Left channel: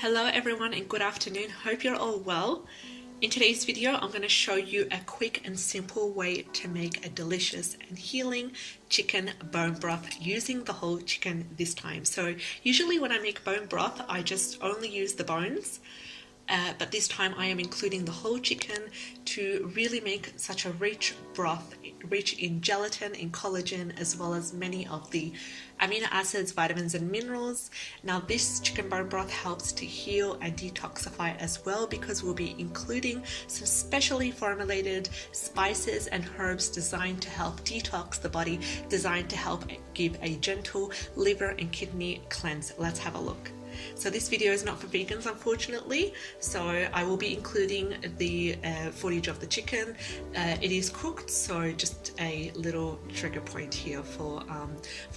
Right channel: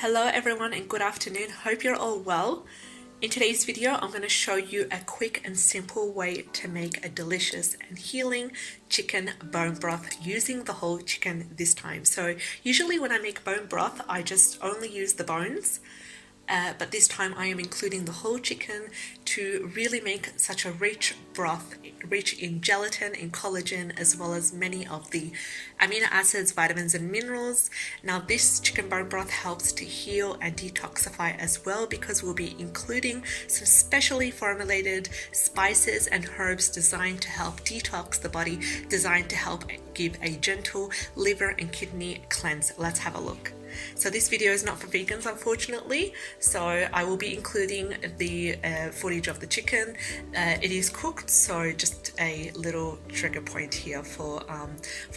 Hello everyone and good afternoon. Hope you're all well. In today's video, I'm going to show you a quick and simple way to make a delicious and healing chicken bone broth using the whole chicken this time. So usually when I make bone broth, I just only use the bones. But this time I am including the whole chicken to really make such a rich broth, rich in gelatin, in collagen, as well as many of the amino acids, vitamins and minerals. Now this chicken bone broth helps to heal and detoxify as well, because we'll be including some specially formulated spices and herbs designed to help detox the body, designed to help give a gentle liver and kidney cleanse. Let's have a look. So this video is not for vegans, unfortunately, so I will be including the footage of the chicken. It is cooked, so just a little trigger point here for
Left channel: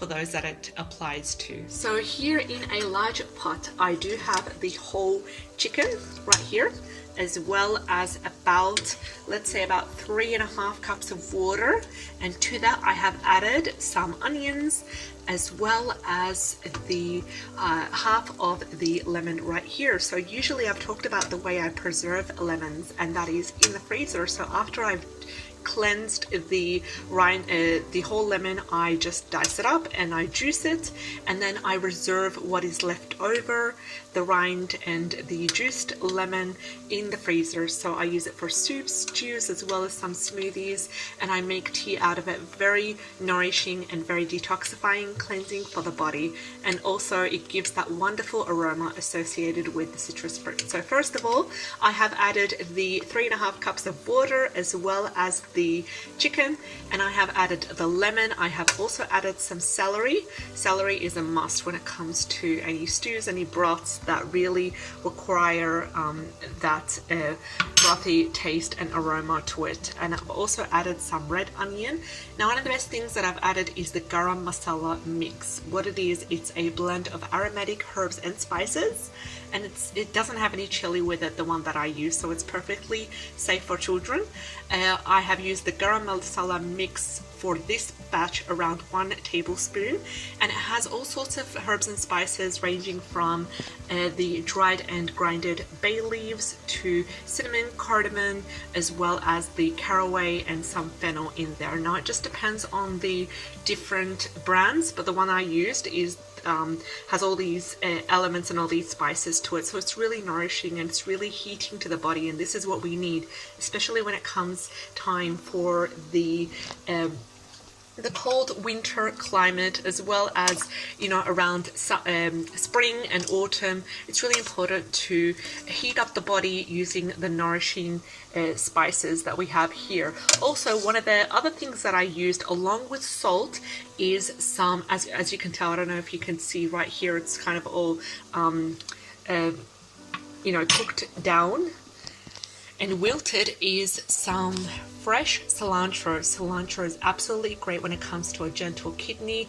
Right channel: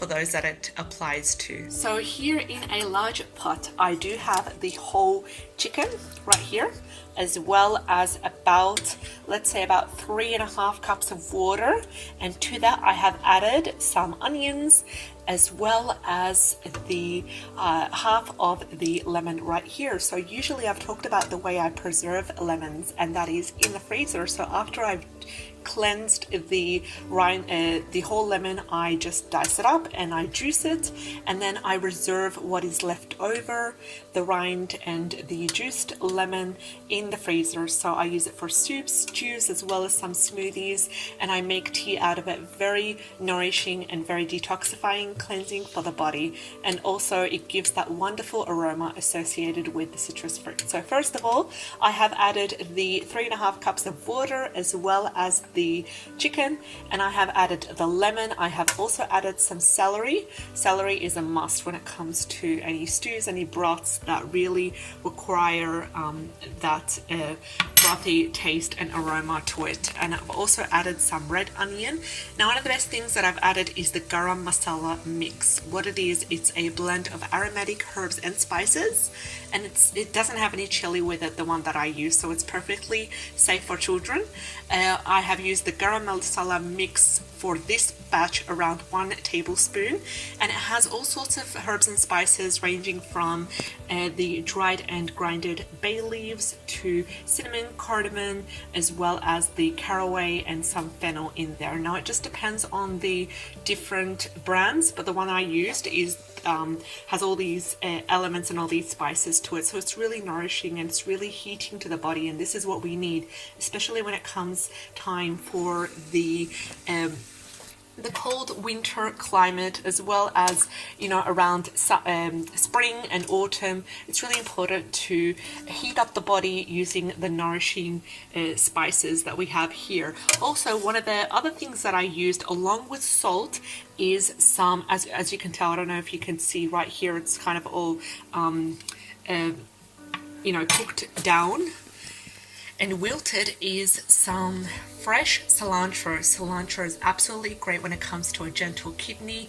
those that it applies to. So here in a large pot, I do have the whole chicken right here, as well as about, let's say about 3.5 cups of water, and to that I have added some onions, as well as the half of the lemon right here. So usually I've talked about the way I preserve lemons, and that is in the freezer. So after I've cleansed the rind, the whole lemon, I just dice it up and I juice it, and then I reserve what is left over, the rind and the juiced lemon, in the freezer. So I use it for soups, stews, as well as some smoothies, and I make tea out of it. Very nourishing and very detoxifying, cleansing for the body, and also it gives that wonderful aroma associated with the citrus fruit. So first of all, I have added the 3.5 cups of water, as well as the chicken, and I have added the lemon. I have also added some celery. Celery is a must when it comes to any stews, any broths that really require that brothy taste and aroma to it. And I've also added some red onion. Now one of the best things that I've added is the garam masala mix. What it is, it's a blend of aromatic herbs and spices, and it doesn't have any chili with it, the one that I use, so it's perfectly safe for children. I have used the garam masala mix for this batch around 1 tablespoon, and it has all sorts of herbs and spices ranging from the dried and grinded bay leaves to cinnamon, cardamom, as well as the caraway and some fennel in there. Now it just depends on the different brands, but the one I used is has all these elements and all these spices to it, so it's really nourishing and it's really heating to the body, and this is what we need, especially when it comes time for the cold winter climate, as well as, you know, around spring and autumn. It's really important to heat up the body using the nourishing spices that we have here. Also, one of the other things that I used along with salt is some, as you can tell, I don't know if you can see right here, it's kind of all you know, cooked down, and wilted is some fresh cilantro. Cilantro is absolutely great when it comes to a gentle kidney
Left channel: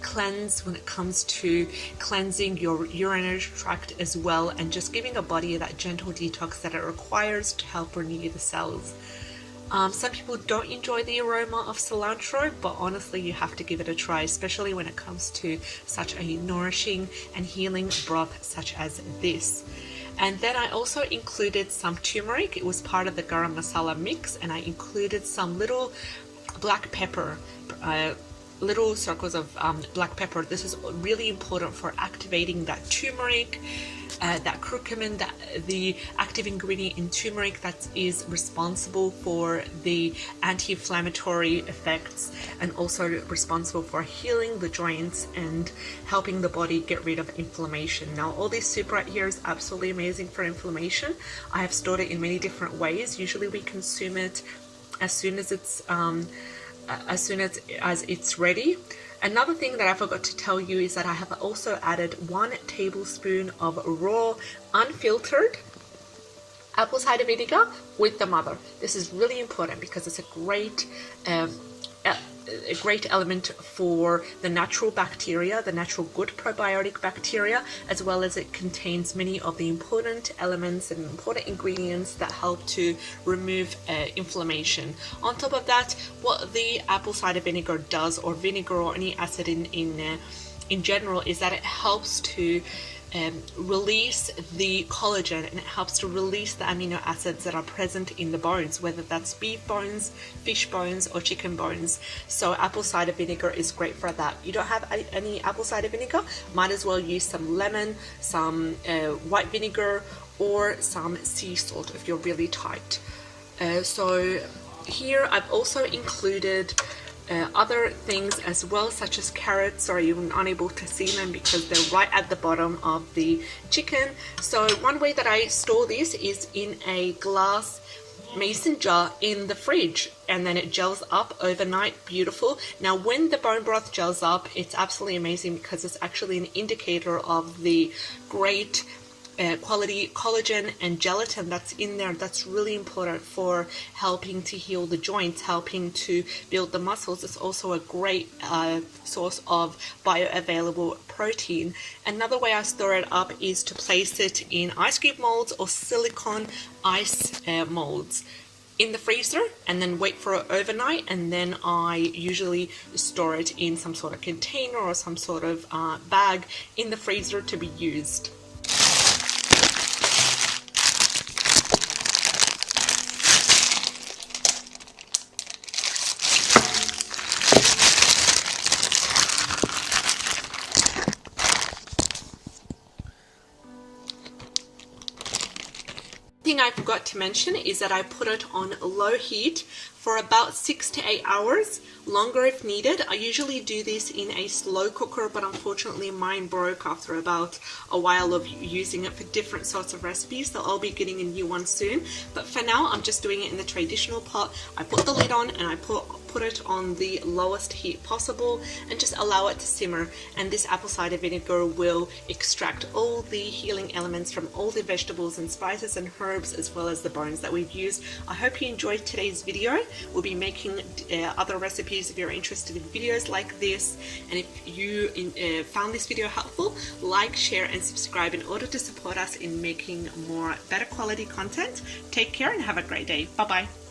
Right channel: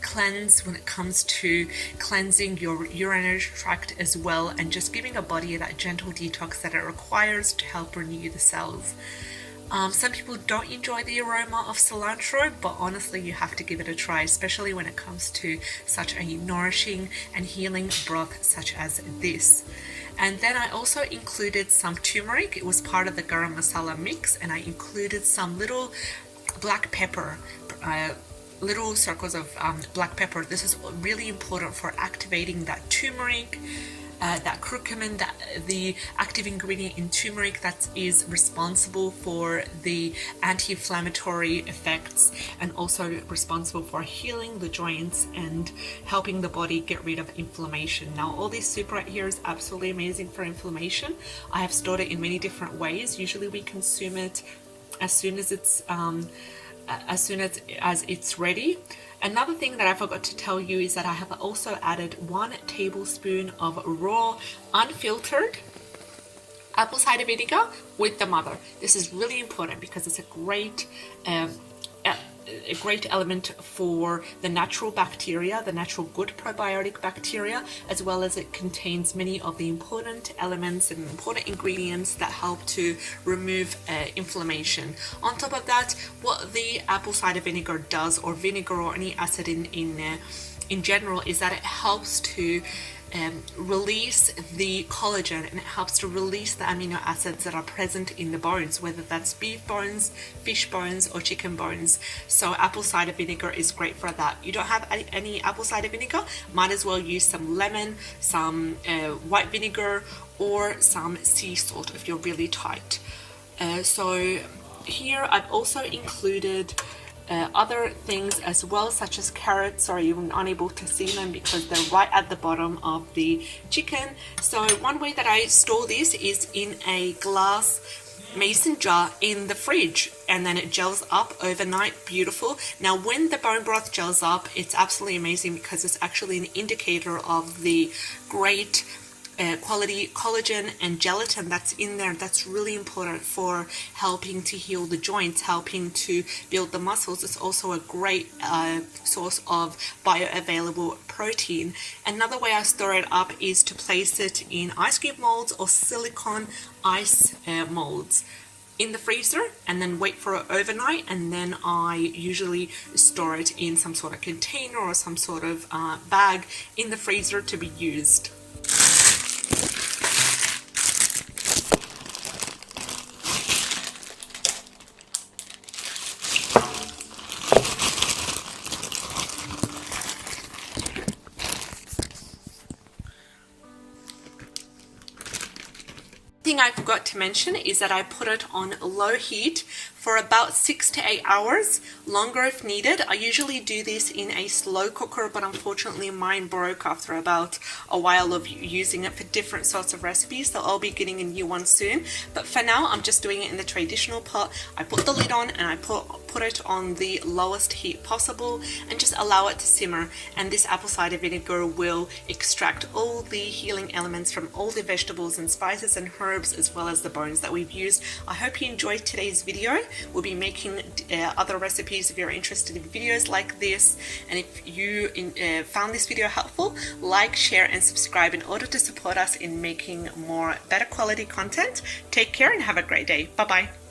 cleanse, when it comes to cleansing your urinary tract as well, and just giving a body that gentle detox that it requires to help renew the cells. Some people don't enjoy the aroma of cilantro, but honestly you have to give it a try, especially when it comes to such a nourishing and healing broth such as this. And then I also included some turmeric. It was part of the garam masala mix, and I included some little black pepper, little circles of black pepper. This is really important for activating that turmeric, that curcumin, the active ingredient in turmeric that is responsible for the anti-inflammatory effects, and also responsible for healing the joints and helping the body get rid of inflammation. Now all this soup right here is absolutely amazing for inflammation. I have stored it in many different ways. Usually we consume it as soon as it's ready. Another thing that I forgot to tell you is that I have also added 1 tablespoon of raw, unfiltered apple cider vinegar with the mother. This is really important because it's a great element for the natural bacteria, the natural good probiotic bacteria, as well as it contains many of the important elements and important ingredients that help to remove inflammation. On top of that, what the apple cider vinegar does, or vinegar or any acid in general, is that it helps to release the collagen, and it helps to release the amino acids that are present in the bones, whether that's beef bones, fish bones, or chicken bones. So apple cider vinegar is great for that. You don't have any apple cider vinegar, might as well use some lemon, some white vinegar, or some sea salt if you're really tight. So here I've also included other things as well, such as carrots. Sorry, you're unable to see them because they're right at the bottom of the chicken. So one way that I store this is in a glass mason jar in the fridge, and then it gels up overnight. Beautiful. Now when the bone broth gels up, it's absolutely amazing because it's actually an indicator of the great quality collagen and gelatin that's in there. That's really important for helping to heal the joints, helping to build the muscles. It's also a great source of bioavailable protein. Another way I store it up is to place it in ice cube molds or silicone ice molds in the freezer, and then wait for it overnight, and then I usually store it in some sort of container or some sort of bag in the freezer to be used. Thing I forgot to mention is that I put it on low heat for about 6 to 8 hours, longer if needed. I usually do this in a slow cooker, but unfortunately mine broke after about a while of using it for different sorts of recipes, so I'll be getting a new one soon. But for now, I'm just doing it in the traditional pot. I put the lid on and I put it on the lowest heat possible and just allow it to simmer, and this apple cider vinegar will extract all the healing elements from all the vegetables and spices and herbs, as well as the bones that we've used. I hope you enjoyed today's video. We'll be making other recipes if you're interested in videos like this, and if you found this video helpful, like, share and subscribe in order to support us in making more better quality content. Take care and have a great day. Bye bye.